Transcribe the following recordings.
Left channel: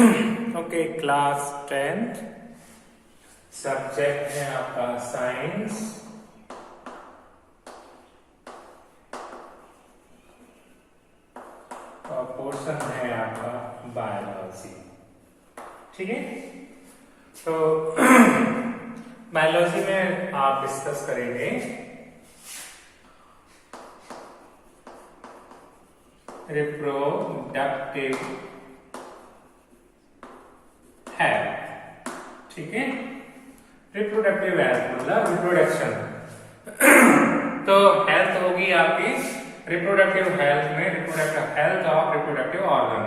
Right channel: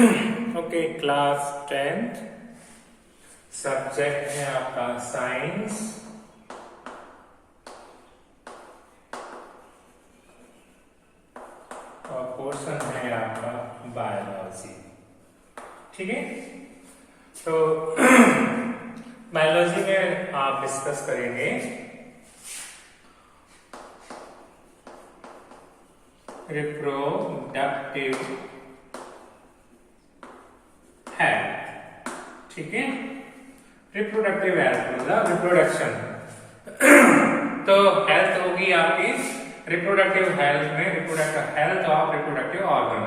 Okay, class 10th, subject है आपका science और पोर्शन है आपका बायोलॉजी। ठीक है, तो बायोलॉजी में आप डिस्कस करेंगे रिप्रोडक्टिव हेल्थ। ठीक है, रिप्रोडक्टिव हेल्थ मतलब रिप्रोडक्शन। तो हेल्थ होगी आपकी रिप्रोडक्टिव हेल्थ में reproductive health of reproductive organ,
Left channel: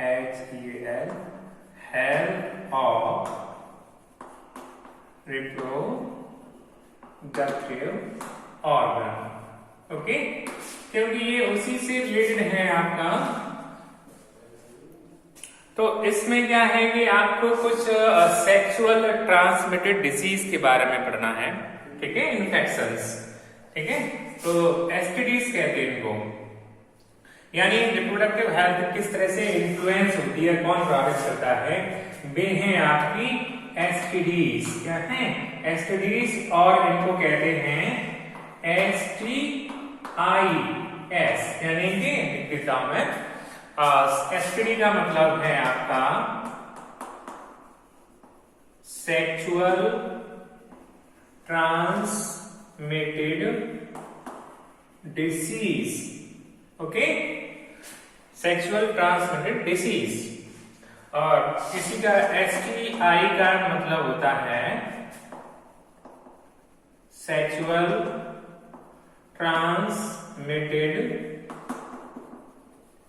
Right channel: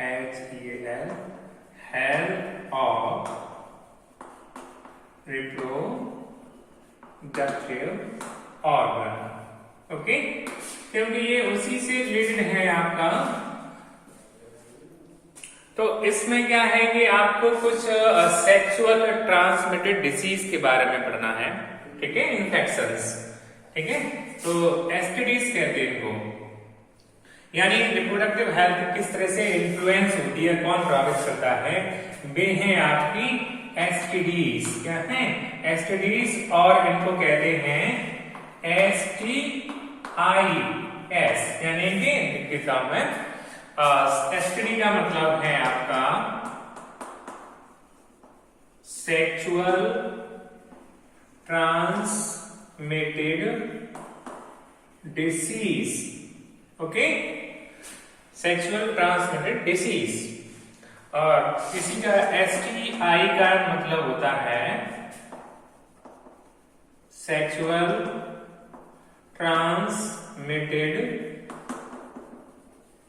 HEL, health of reproductive organ. Okay, क्योंकि ये उसी से रिलेटेड है आपका। तो इसमें क्या है कि आपको कुछ सेक्सुअल ट्रांसमिटेड डिसीज के बारे में पढ़ना है। ठीक है, इन्फेक्शंस। ठीक है, तो एसटीडीज कहते हैं इनको, यानी रिप्रोडक्टिव हेल्थ किस तरह से इन्फ्लुएंस होती है, कौन प्रभावित करता है, वे हैं आपकी एसटीडीज। क्या है? एसटीडीज, और इनको कहते हैं STIs, यानी कि लिख देता हूं मैं। एसटीडी का मतलब है आपका sexual transmitted disease. Okay, sexual transmitted disease. और किसी का STI का मतलब होता है सेक्सुअल ट्रांसमिटेड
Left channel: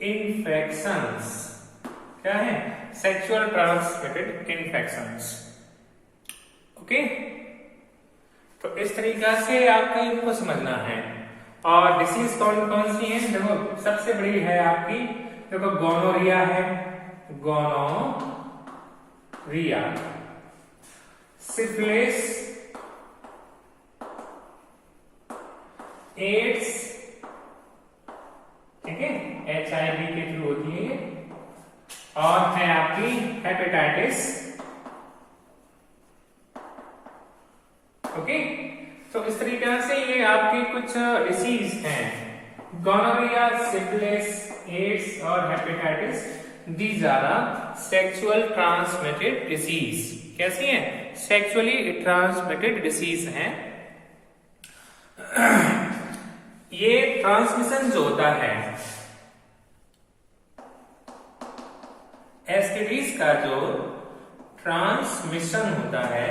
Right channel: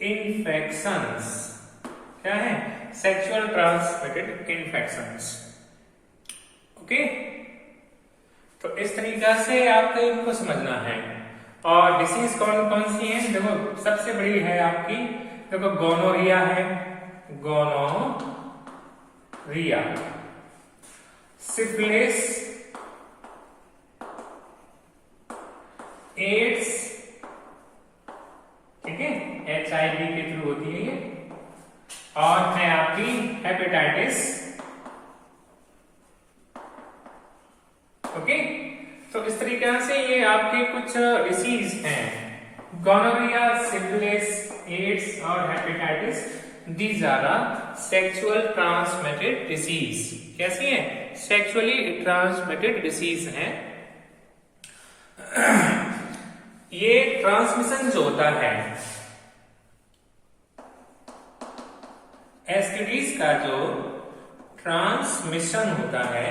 इन्फेक्शंस। क्या है? Sexual transmitted infections. ओके, तो इस तरीका से आपको इनको समझना है। और डिसीज कौन कौन सी है? देखो, सबसे बड़ी है आपकी, देखो, गोनोरिया है, गोनोरिया, सिफिलिस, एड्स। ठीक है, HIV के थ्रू होती है ये। और है आपकी हेपेटाइटिस। ओके, तो इस तरीके से ये आपके कुछ डिसीज हैं, गोनोरिया, सिफिलिस, एड्स और hepatitis. These are sexual transmitted disease. कैसी हैं? सेक्सुअली ट्रांसमिटेड डिसीज हैं। ये ट्रांसमिशन जो होता है एसटीडीज का, जो ट्रांसमिशन होता है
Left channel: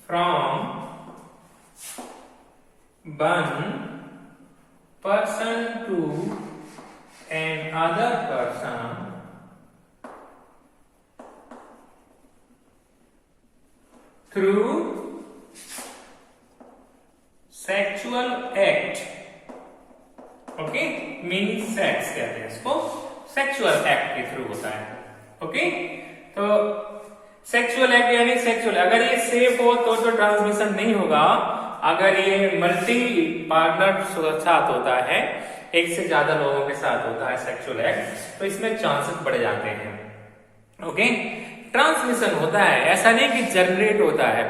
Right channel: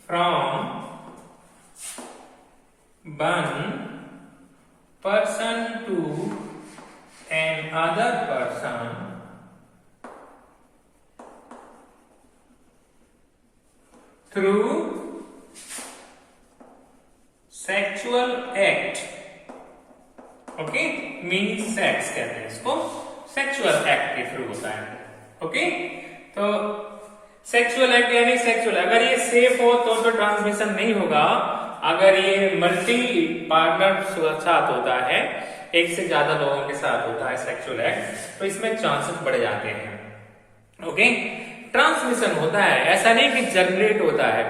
from one person to another person through sexual act. Okay, mean sex कहते हैं इसको, सेक्सुअल एक्ट के थ्रू होता है। ओके, तो सेक्सुअल एक्ट यानी सेक्सुअल, अगर ये सेफ हो तो ट्रांसमिशन नहीं होगा। अगर ये मल्टी पार्टनर साथ होता है, एक से ज्यादा लोगों के साथ होता है सेक्सुअल एक्ट, तो इसमें चांसेस बढ़ जाते हैं। ओके, ट्रांसमिशन होता है, ऐसा नहीं कि जनरेट होता है।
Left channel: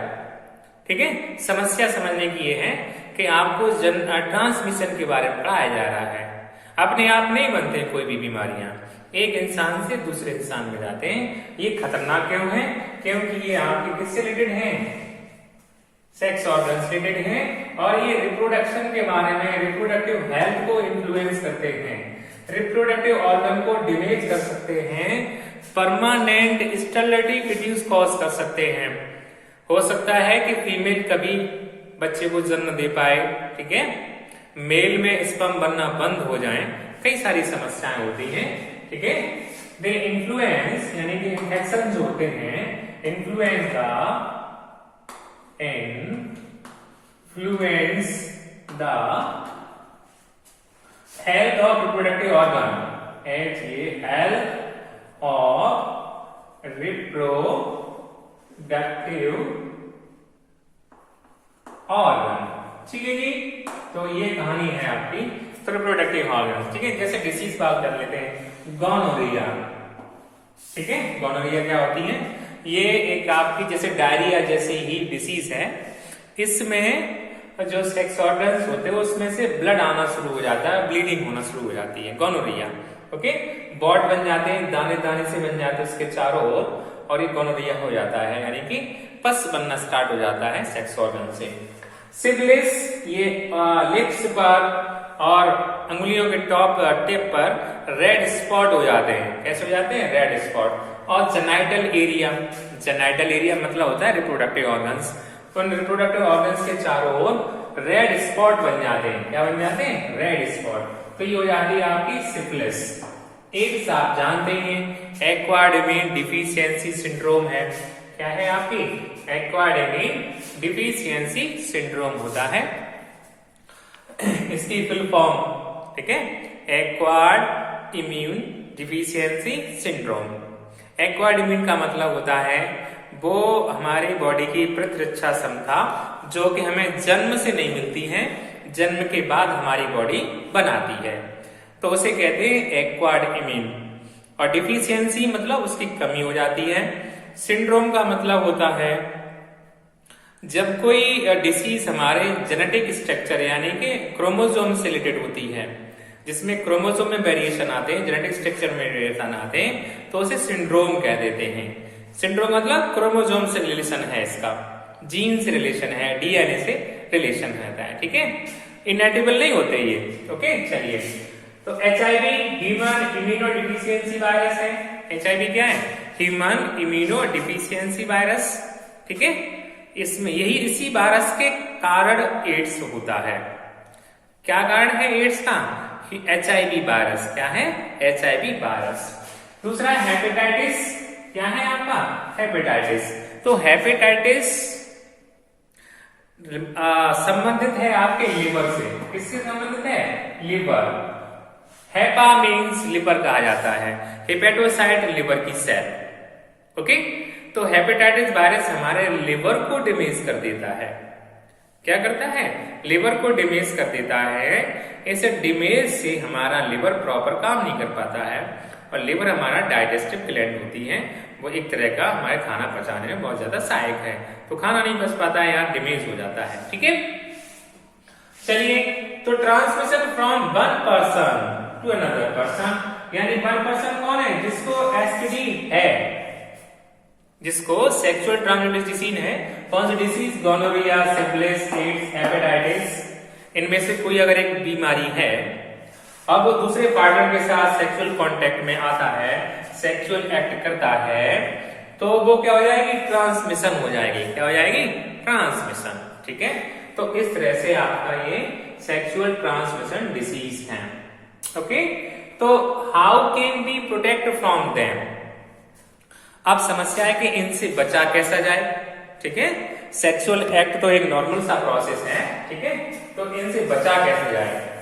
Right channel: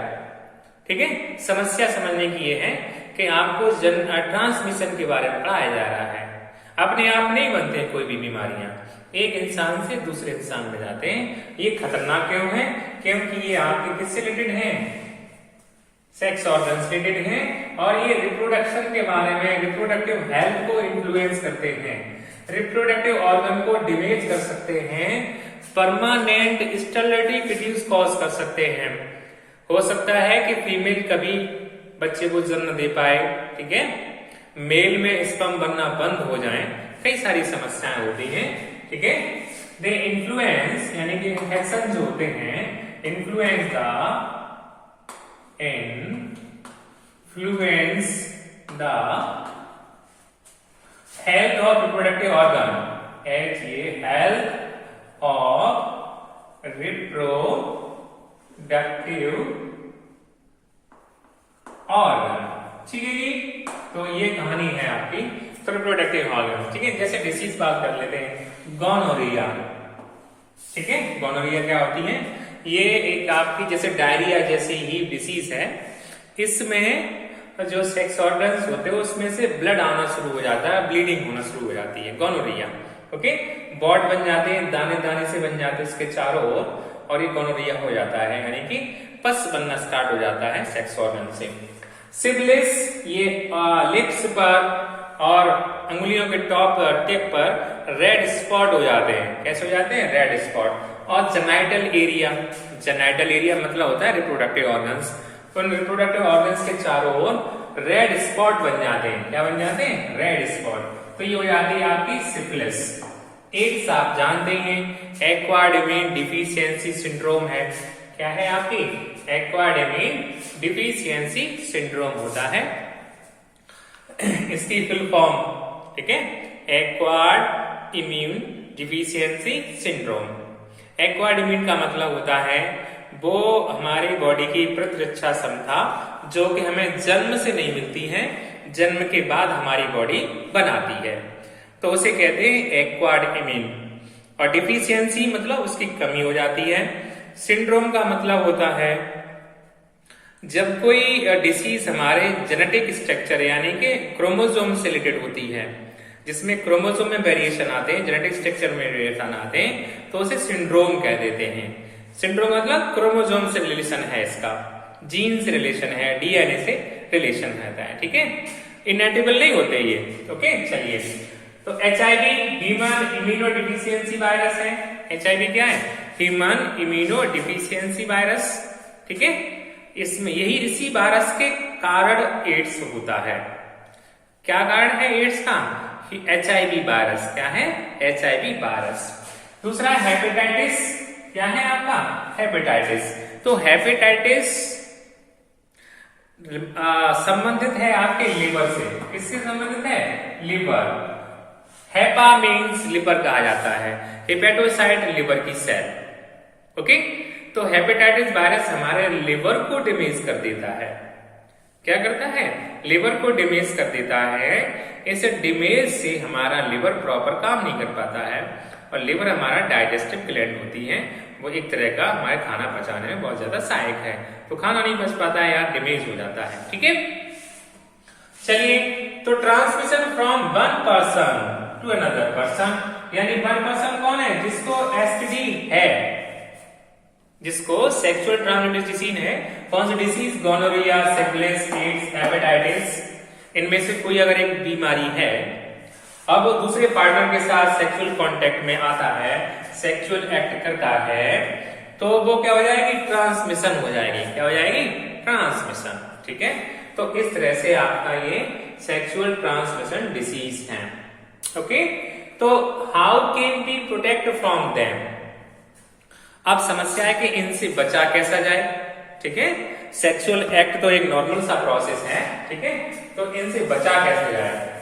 ठीक है, समस्या समझने की ये है कि आपको ट्रांसमिशन के बारे में पढ़ाया जा रहा है। अपने आप नहीं बनते कोई भी बीमारियां, एक इंसान से दूसरे इंसान में जाते हैं। ये खतरनाक क्यों है? क्योंकि ये आपके किससे रिलेटेड हैं? सेक्स ऑर्गन से रिलेटेड हैं, और ये रिप्रोडक्शन के बारे में, रिप्रोडक्टिव हेल्थ को इन्फ्लुएंस करते हैं, रिप्रोडक्टिव ऑर्गन को डैमेज कर सकते हैं, परमानेंट स्टेरिलिटी रिड्यूस कॉज कर सकते हैं। हो सकता है कि फीमेल कभी बच्चे को जन्म दे पाए, ठीक है, मेल में स्पर्म बनना बंद हो जाए, कई सारी समस्याएं होती हैं। ठीक है, दे इन्फ्लुएंस, यानी कि इन्फेक्शन जो होते हैं, influence the health of reproductive organ, health of reproductive organ. ठीक है जी, तो ये कहानी है आपकी तो रिप्रोडक्टिव ऑर्गन, ठीक है। जैसे डिसीज बात कर लेते हैं, गोनोरिया, ठीक है। गोनोरिया क्या होती है? ये एक आपकी जैसे डायरिया जैसी ही डिसीज है। इसमें जो सेक्स ऑर्गन्स होते हैं उसमें से ब्लड आना शुरू हो जाता है, ब्लीडिंग होना शुरू हो जाती है, गोनोरिया। ओके, बॉड बन जाते हैं, दाने दाने से बन जाते हैं उसके चारों ओर, और ये गोनोरिया हो जाता है, यानी कि पस बनना स्टार्ट हो जाता है सेक्स ऑर्गन से। सिफिलिस, ये लिप्स पर और अंगुलियों के टॉप टिप पर रेड स्पॉट हो जाते हैं। कैसे हो जाते हैं? Red spot. और जेनाइटल एरिया, जेनाइटल एरिया मतलब होता है रिप्रोडक्टिव ऑर्गन्स। तो रिप्रोडक्टिव ऑर्गन्स के चारों ओर रेड स्पॉट बन जाते हैं। क्या बन जाते हैं? Red spot. तो ये हो जाती है आपकी सिफिलिस। एड्स आप जानते हैं, एक्वायर्ड इम्यून डिफिशियंसी सिंड्रोम है। क्या है आपकी? एक्वायर्ड इम्यून डिफिशियंसी सिंड्रोम होता है, इसकी फुल फॉर्म, ठीक है, acquired immune deficiency syndrome. Acquired immune का मतलब होता है वो हमारी बॉडी की प्रतिरक्षा क्षमता जो कि हमें जन्म से नहीं मिलती है, जन्म के बाद हमारी बॉडी बनाती है, तो उसे कहते हैं एक्वायर्ड इम्यून। और डिफिशियंसी मतलब उसकी कमी हो जाती है। सिंड्रोम का मतलब होता है जब कोई डिसीज हमारे जेनेटिक स्ट्रक्चर यानी कि क्रोमोसोम से रिलेटेड होती है, जिसमें क्रोमोसोम में वेरिएशन आते हैं, जेनेटिक स्ट्रक्चर में वेरिएशन आते हैं, तो उसे सिंड्रोम कह देते हैं। सिंड्रोम मतलब क्रोमोसोम से रिलेशन है, इसका जीन से रिलेशन है, डीएनए से रिलेशन रहता है, ठीक है। इनएटिबल नहीं होते ये, ओके। चलिए, तो HIV human immuno deficiency virus है। एचआईवी क्या है? ह्यूमन इम्यूनो डिफिशियंसी वायरस, ठीक है। इसमें यही इसी वायरस के कारण एड्स होता है। क्या कारण है एड्स का? HIV virus. क्या है? HIV virus. दूसरा हेपेटाइटिस। क्या है आपका? हेपेटाइटिस। तो हेपेटाइटिस संबंधित है आपके लिवर से। किससे संबंधित है? लिवर। हेपा मीन्स लिवर कहा जाता है, हेपेटोसाइट लिवर की सेल, ओके। तो हेपेटाइटिस वायरस हमारे लिवर को डैमेज कर देता है। क्या करता है? लिवर को डैमेज कर देता है। इस डैमेज से हमारा लिवर प्रॉपर काम नहीं कर पाता है, और लिवर हमारा डाइजेस्टिव ग्लैंड होती है, वो एक तरह का हमारे खाना पचाने में बहुत ज्यादा सहायक है, तो खाना नहीं पच पाता है, यार डैमेज हो जाता है, ठीक है। चलिए, तो transmission from one person to another person, यानी वन पर्सन कौन है? जिसको एसटीडी है, जिसको सेक्सुअल ट्रांसमिटेड डिसीज है। कौन सी disease? Gonorrhoea, syphilis, AIDS, hepatitis, इनमें से कोई अगर एक बीमारी है, अब वो दूसरे पार्टनर के साथ सेक्सुअल कांटेक्ट में आता है, सेक्सुअल एक्ट करता है, तो वो क्या हो जाएगी? ट्रांसमिशन हो जाएगी। क्या हो जाएगी? ट्रांसमिशन, ठीक है। तो इस तरह से आपका ये सेक्सुअल ट्रांसमिशन डिसीज है, ओके। तो how can be protect from them? अब समस्या है कि इनसे बचा कैसा जाए, ठीक है। सेक्सुअल एक्ट तो एक नॉर्मल सा प्रोसेस है, ठीक है, तो इनसे बचा कैसे जाए?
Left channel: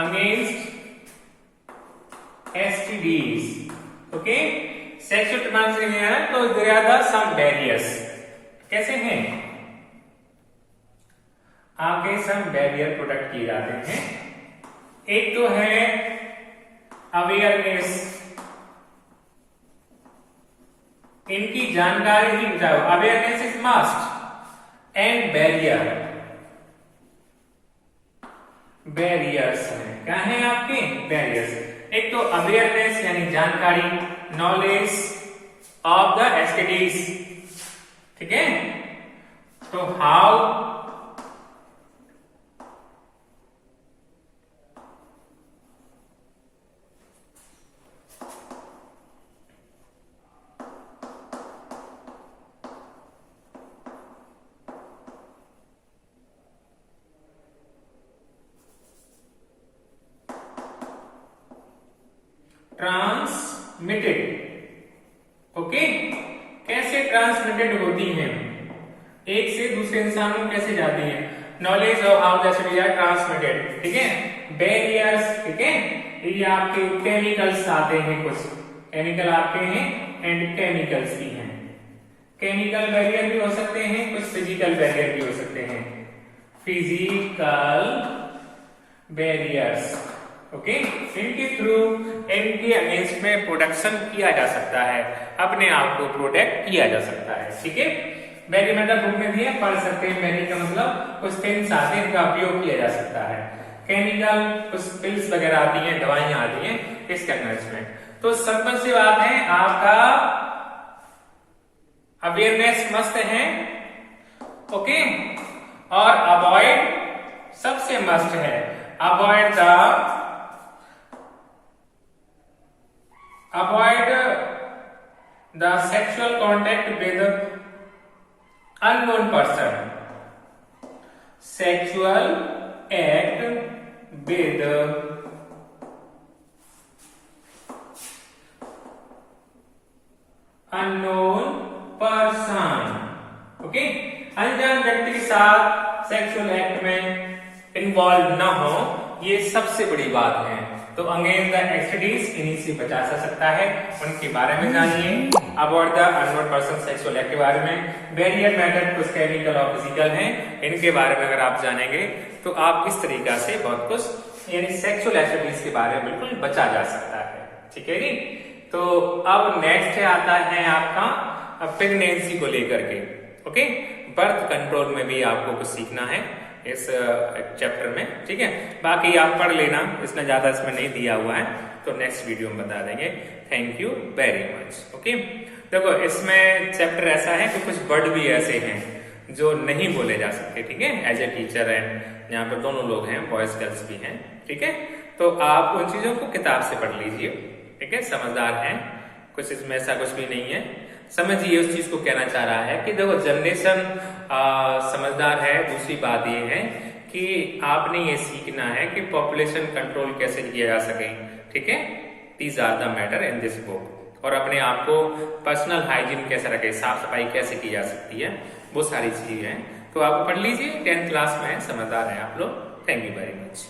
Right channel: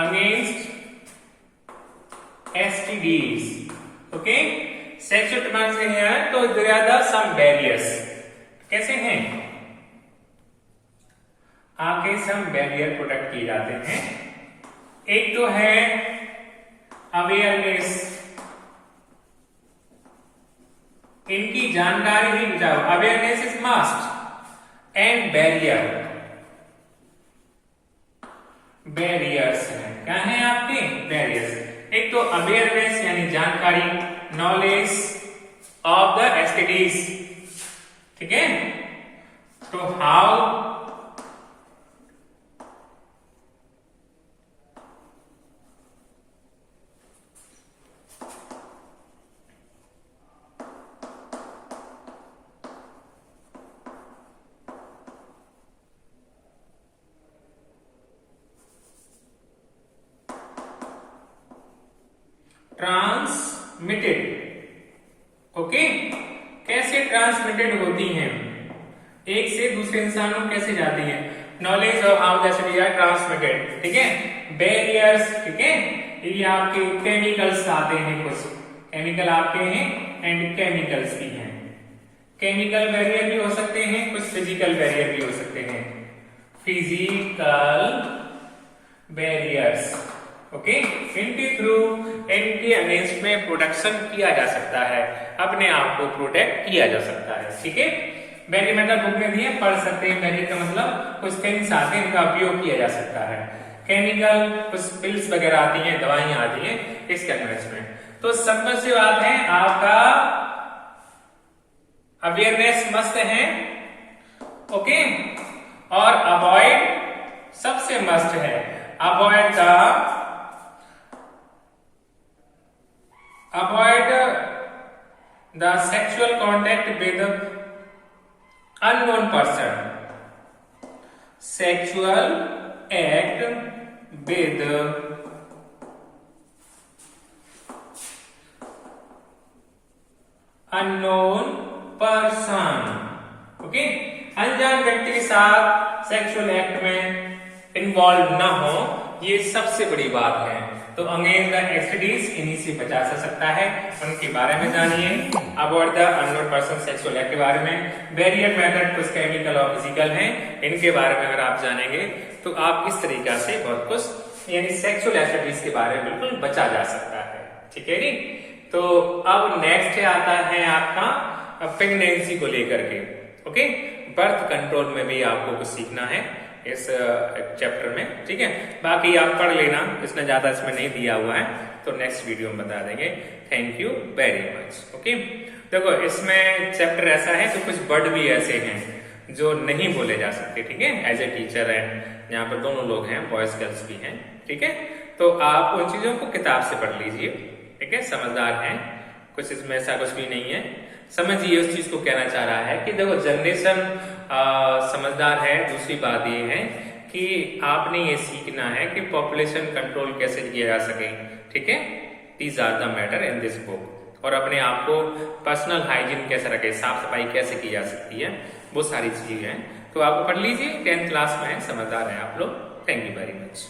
Against STDs, okay, sexual transmission है, तो there are some barriers. कैसे हैं? आपके some barrier प्रोटेक्ट किए जाते हैं। एक तो है अवेयरनेस, इनकी जानकारी ही बताओ। Awareness is must. And barrier, barriers हैं। क्या है आपके? बैरियर्स। एक तो अवेयरनेस यानी जानकारी, नॉलेज ऑफ द एसटीडीज, ठीक है। तो हाउ ट्रांसमिटेड, ओके। कैसे ट्रांसमिटेड होती हैं? एक से दूसरे इंसान में कैसे जाती हैं? Knowledge of how the study are transmitted, ठीक है। बैरियर्स, ठीक है, ये आपके केमिकल्स आते हैं, कुछ केमिकल आपके हैं एंड केमिकल्स भी हैं। केमिकल बैरियर भी हो सकते हैं, कुछ फिजिकल बैरियर भी हो सकते हैं। फिजिकल बैरियर्स, ओके, इनके थ्रू इनके अगेंस्ट में प्रोटेक्शन किया जा सकता है, अपने आप को प्रोटेक्ट किया जा सकता है, ठीक है। बैरियर मतलब बुक में भी है, पढ़ सकते हैं। बैरियर का मतलब कुछ थिंग्स आते हैं, इनका उपयोग किया जा सकता है। केमिकल कुछ पिल्स वगैरह आती हैं, दवाइयां आती हैं इसके अगेंस्ट में। तो सिंपल सी बात है, आपका अवेयरनेस मस्त है, ओके, और अवॉइड सबसे मस्ट है। Avoid the sexual contact with unknown person, sexual act with unknown person, okay, अनजान व्यक्ति के साथ सेक्सुअल एक्ट में इन्वॉल्व ना हो, ये सबसे बड़ी बात है। तो अगेन द एसटीडीज इन्हीं से बचा जा सकता है, उनके बारे में जानिए। About the unknown person sexual act के बारे में, बैरियर मेथड कुछ केमिकल और फिजिकल हैं, इनके बारे में अगर आप जानेंगे तो आप इस तरीका से बहुत कुछ यानी सेक्सुअल एसटीडीज के बारे में बिल्कुल बचा जा सकता है, ठीक है जी। तो अब नेक्स्ट आता है आपका प्रेगनेंसी को लेकर के, ओके, बर्थ कंट्रोल में भी आपको कुछ सीखना है इस चैप्टर में, ठीक है। बाकी आप पढ़ लेना, इसमें ज्यादा इसमें नहीं दिया हुआ है, तो नेक्स्ट वीडियो में बता देंगे। Thank you very much, okay. देखो इसमें चैप्टर ऐसा है कि कुछ वर्ड भी ऐसे हैं जो नहीं बोले जा सकते, ठीक है। एज ए टीचर है, यहाँ पर दोनों लोग हैं, बॉयज गर्ल्स भी हैं, ठीक है। तो आप उन चीजों को किताब से पढ़ लीजिए, ठीक है। समझदार हैं, कुछ इसमें ऐसा कुछ भी नहीं है। समझिए उस चीज को कहना चाह रहा है कि देखो जनरेशन समझदार है। दूसरी बात ये है कि आपने ये सीखना है कि पॉपुलेशन कंट्रोल कैसे किया जा सके, ठीक है। These are the matter in this book. और अपने आप को पर्सनल हाइजीन कैसे रखे, साफ सफाई कैसे की जा सकती है, वो सारी चीजें हैं। तो आप पढ़ लीजिए, 10th क्लास में है, समझदार है आप लोग। Thank you very much.